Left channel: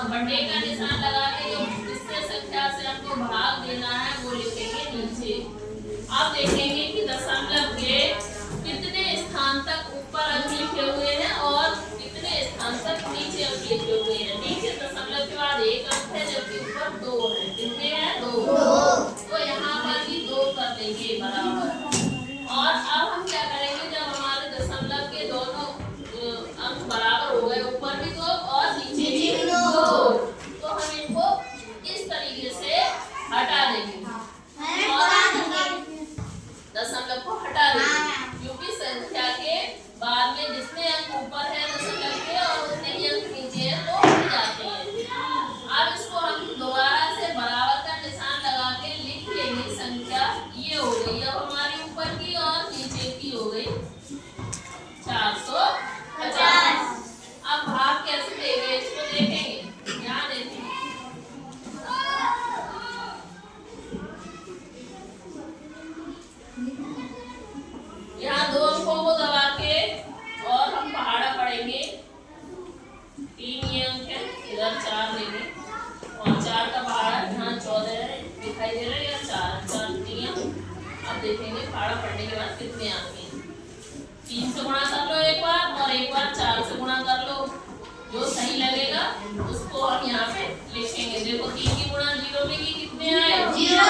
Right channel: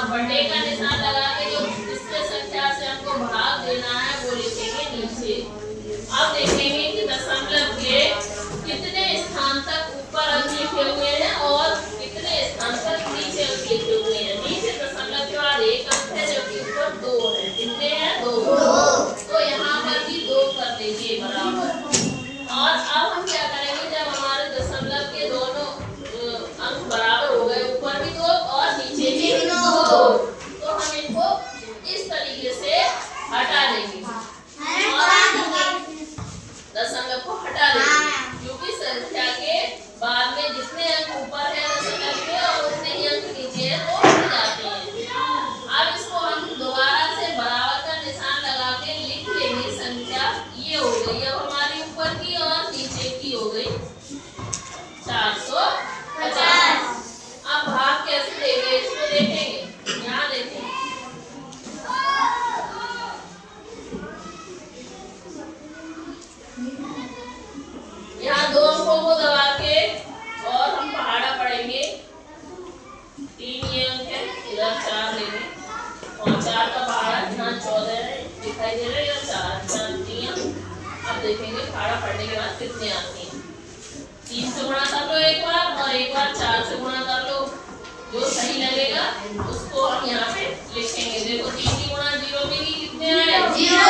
और बटे का निशान लगा के जो जिससे संख्या से हमको भाग देना है वो लिखेंगे नीचे। अब देखेंगे कि दशमलव के कितने स्थान तक ऊपर अंक लिखे हुए हैं और कितने स्थान तक नीचे अंक लिखे हुए हैं। नीचे दशमलव के बाद एक अंक है जबकि ऊपर 2 है। कितने हैं? 2। तो यहाँ पर भी 2 कर लेंगे बराबर। और अब हम क्या करेंगे, जब हमारे दशमलव के दोनों अंक बराबर हो गए, ऊपर भी 2 और नीचे भी 2, तो हम इनको इस तरीके से हटा देंगे और दशमलव को हटा देंगे, क्योंकि संख्या के बाद में जितने अंक ऊपर है दशमलव के और उतने ही अंक नीचे है तो हट जाते हैं। अब इसको हम दोबारा से बराबर का निशान लगा के लिख लेंगे। संख्या ये हो गई अब हमारी ऊपर की और नीचे की हो गई 450। अब भाग कैसे देंगे इसको देखेंगे। यहाँ देखेंगे यहाँ 2 अंकों को दबा के और हम पहाड़ा पढ़ेंगे। 3 ये अंक है, इधर 4 लेंगे और 4 का पहाड़ा यहाँ 14 है दिखाई दे रहा है, या 4 अब देखेंगे पहाड़ा पढ़ने के बाद कितने आते हैं। 3 से गुणा कर लो एक बार और एक बार 4 से गुणा कर लो, जो सही लगेगा उसको हम यहाँ पे लिखेंगे। देखो 3 की गुणा 0 में की कितने आए? 0।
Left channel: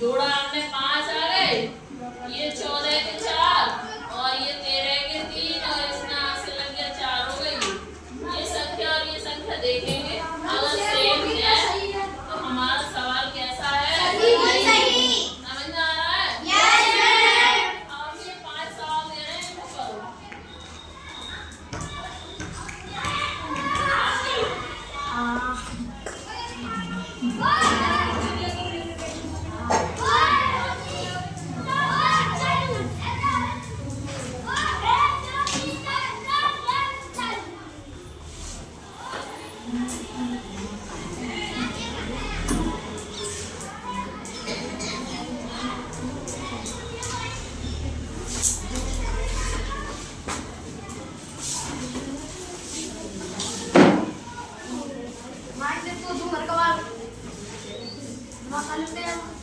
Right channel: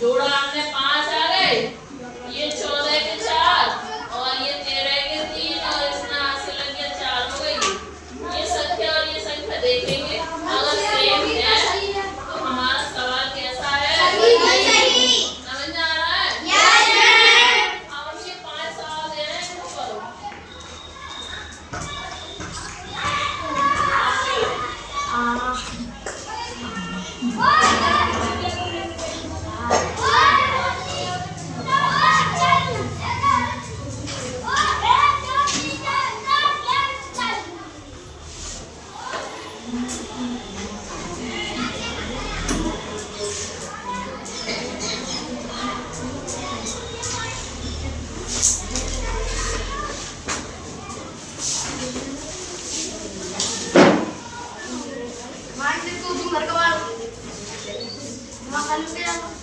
जोड़ा आपने 5 आ गए, ये 14 के 4 और ये 13 के 3 और इसमें आंसर लग गया 4 हो गई। ये संख्या और ये संख्या देखेंगे, अगर सेम है तो हमारा सवाल कैसा है? सही। समझ में आ रहा है? यस। अब हम ये 5 सवाल दे रहे हैं, इसको करो। घर का